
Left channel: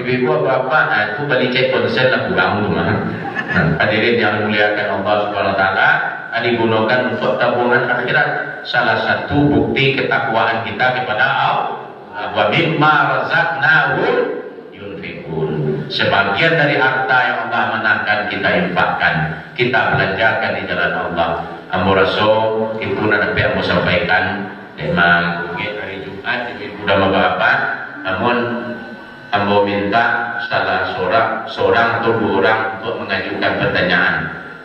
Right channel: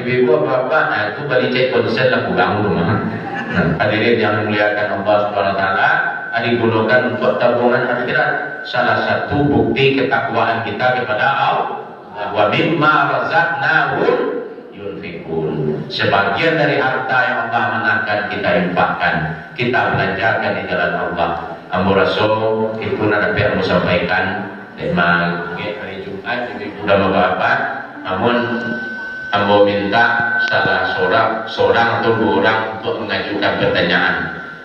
ibu-ibu apa-apa, itu balik cek konsen lah kurang rumah. Hadirin yang memuliakan Allah Subhanahu Wa Taala, digunakan untuk tabungan akhirat. Salah satu bukti ketakwaan kita kepada Allah. Wa mimma razaqnahum yunfikun. Sebagian dari harta yang Allah menangkan kita infakkan, kita belanjakan di jalan Allah. Ambo Rasul itu nak dapat sampaikan memang hari Jumat ibu dan bapak, namun ambo minta salah seorang atau 2 orang untuk mengajukan pertanyaan.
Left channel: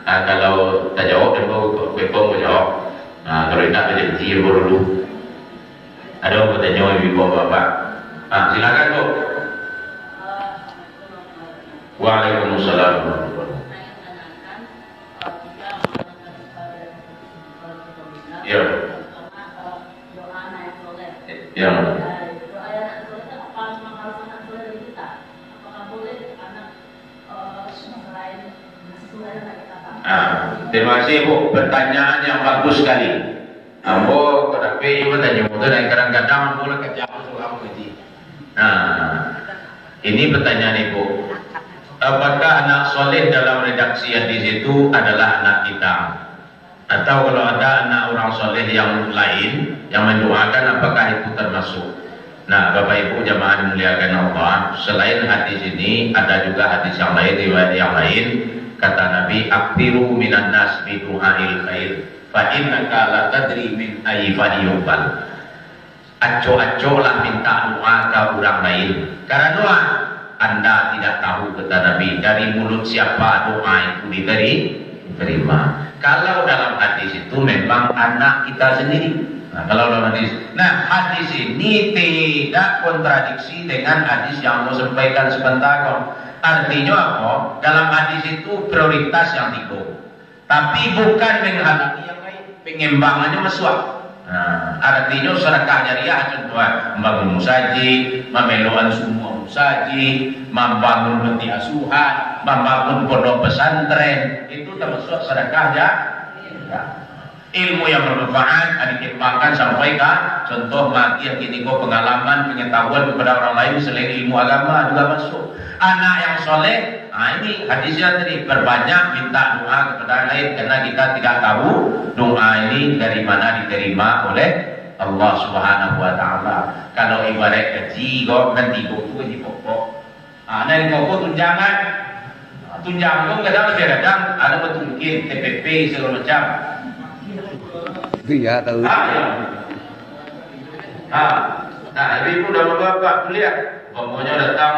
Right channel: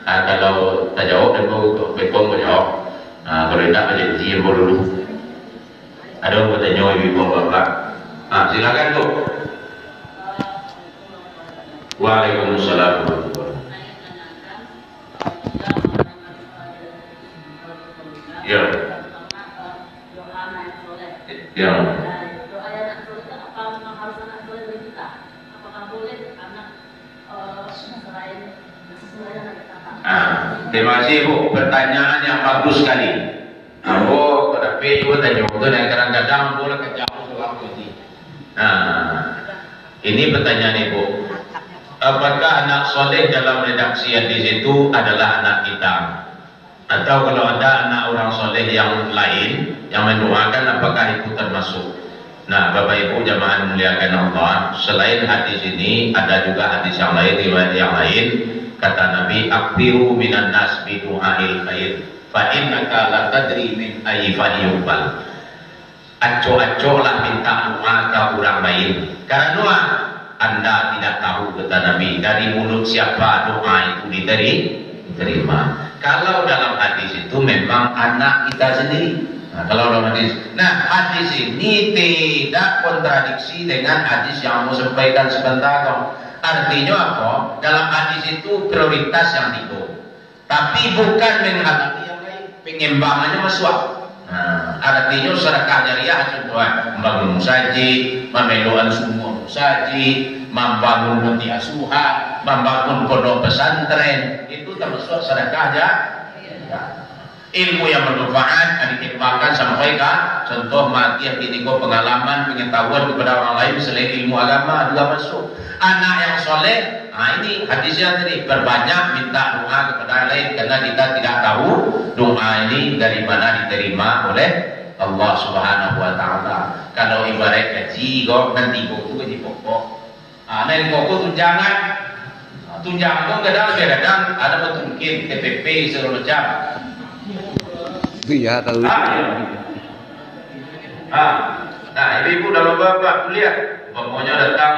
Kalau tak jawab, ambo bekom menjawab. Kalau tidak menjadi dulu. Ada yang bertanya ibu bapak. Silakan bu. Waalaikumsalam. Ya. Ya. Terima kasih bu, pertanyaan yang bagus sekali. Ambo tapi ibu tanya itu dan kadang-kadang boleh kejauh tu aku ini. Ini pertanyaan ibu. Apakah anak soleh dalam redaksi hadis itu adalah anak kita? Atau kalau ada anak orang soleh yang lain yang mendoakan, apakah itu termasuk? Nah, Bapak Ibu jamaah memuliakan Allah, selain hadis ini ada juga hadis yang lain, riwayat yang lain. Kata Nabi, aktiru minan nas bi du'ail khair fa innaka la tadri min ayyi fadiyubal. Aco-aco lah minta doa ke orang lain, karena doa Anda tidak tahu, kata Nabi, dari mulut siapa doa itu diterima. Kalau dalam hadis itu memang anak kita sendiri. Kalau dalam hadis, hadis ini tidak kontradiksi dengan hadis yang mau sampaikan sebentar. Artinya apa? Dalam hadis itu prioritas yang tiga, tapi bukan menghalangi yang lain. Pengembangannya masuk. Artinya sedekah jariah contoh, membangun musaji, memeluan semua musaji, membangun panti asuhan, membangun pondok pesantren, itu termasuk sedekah jariah. Ilmu yang bermanfaat dikembangkan sampai ke contoh mati kini kau pengalaman pengetahuan kepada orang lain selain ilmu agama juga masuk. Anak yang soleh, ini hadisnya tadi, berbanyak minta doa kepada lain karena kita tidak tahu doa ini dari mana diterima oleh Allah Subhanahu Wa Taala. Kalau ibarat gaji kok nanti kok itu gaji pokok. Dari kok tunjangan, tunjangan kok kadang ada betungkin TPP segala macam. Iya tahu. Nah, ibu dan bapak lihat, pokoknya datang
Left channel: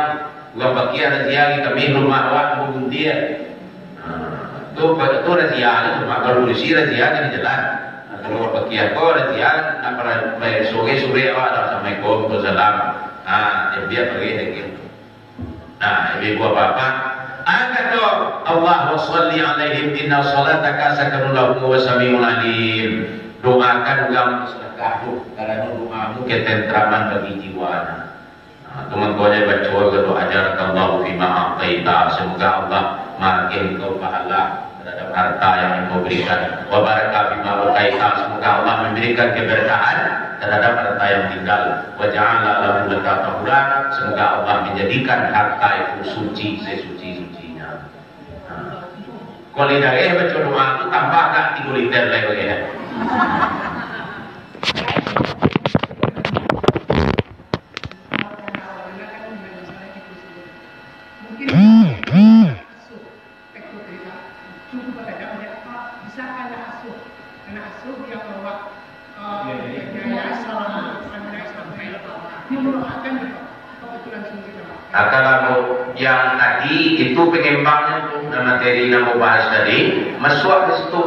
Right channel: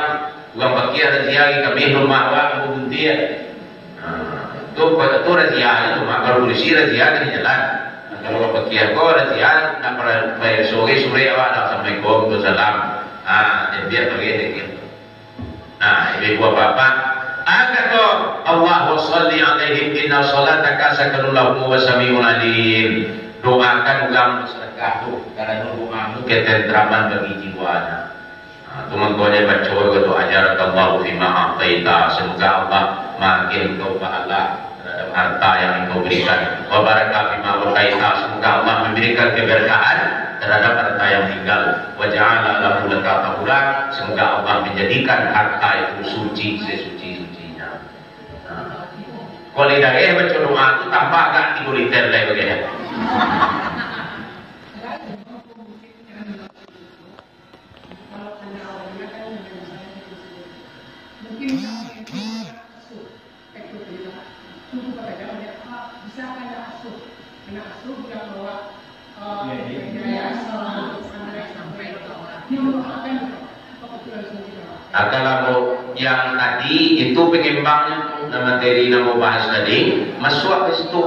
uang bakia rezeki kami rumah awak maupun dia. Tu rezeki itu mak kalau polisi rezeki di jalan. Kalau bakia kau rezeki nak pada sore awak dah assalamualaikum tu salam. Dia pergi dengan. Nah, ibu bapak kata Allah wa salli alaihim inna salataka sakanun lahum wa sami'un alim. Doakan orang sedekah tu, karena doamu ketentraman bagi jiwa. Teman-temannya baca atau ajar Allah fima a'taita, semoga Allah makin engkau pahala terhadap harta yang engkau berikan. Wa baraka bima waqaita, semoga Allah memberikan keberkahan terhadap harta yang tinggal. Wa ja'ala lahu laka tahura, semoga Allah menjadikan harta itu suci sesuci-sucinya. Kalau tidak baca doa itu tambah gak 3 liter lagi bagaimana? Kalau yang tadi itu pengembangnya tuh materi yang mau bahas tadi masuk ke situ.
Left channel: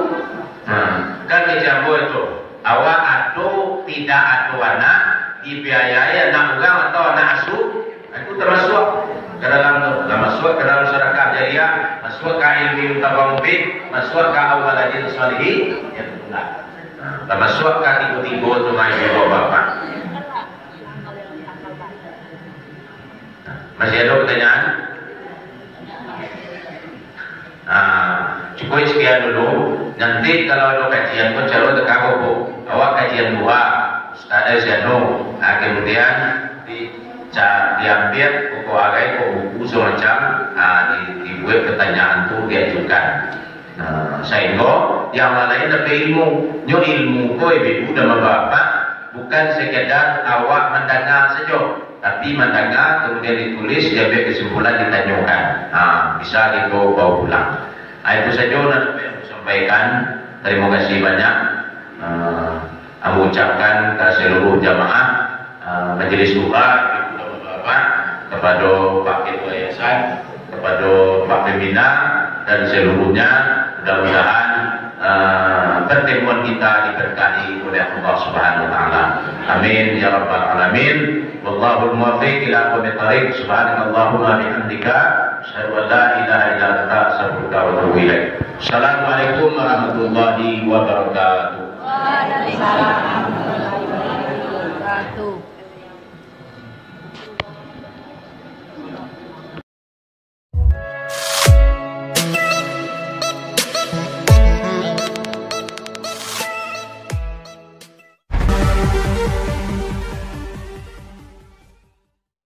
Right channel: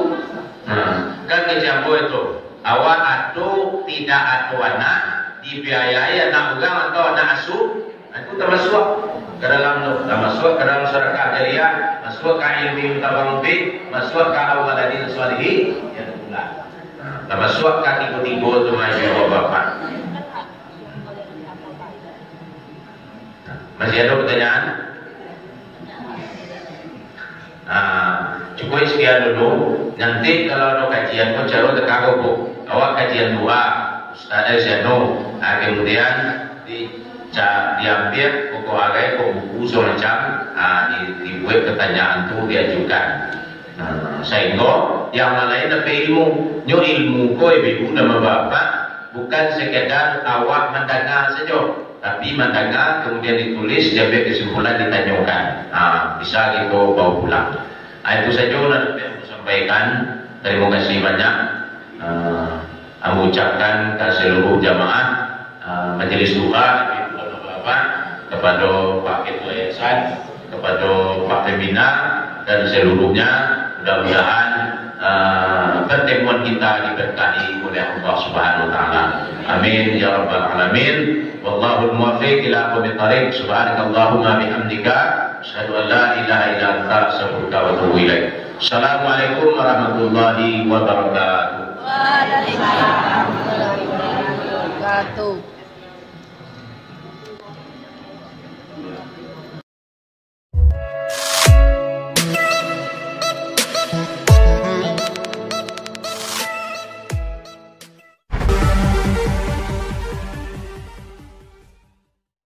Kan kejambo itu awak atau tidak atau anak dibiayai anak orang atau anak asuh itu termasuk ke dalam masuk ke dalam sedekah jariah, masuk ke ilmu tabawubi, masuk ke awaladin salihin ya bulan. Termasuk ke tiga-tiga itu ibu bapak. Masih ada pertanyaan? Cukup sekian dulu. Nanti kalau ada kajian, kau cari dekat kau. Awak kajian 2, Ustaz Zeno. Kemudian diambil buku agai, buku semacam dibuat pertanyaan tu diajukan. Sehingga yang lain ada ilmu, ilmu kau ibu dan bapak bukan sekedar awak mendengar saja. Tapi mendengar kemudian ditulis, diambil kesimpulan, ditanyakan. Bisa gitu bawa pulang. Itu saja yang saya sampaikan. Terima kasih banyak. Mengucapkan ke seluruh jamaah majelis doa ibu bapak, kepada Pak Ketua Yayasan, kepada Pak Pembina dan seluruhnya. Mudah-mudahan pertemuan kita diberkahi oleh Allah Subhanahu wa taala. Amin ya rabbal alamin. Wallahul muwaffiq ila aqwamit thariq. Subhanakallahumma bihamdika asyhadu an la ilaha illa anta astaghfiruka wa atubu ilaik. Assalamualaikum warahmatullahi wabarakatuh. Waalaikumsalam warahmatullahi wabarakatuh.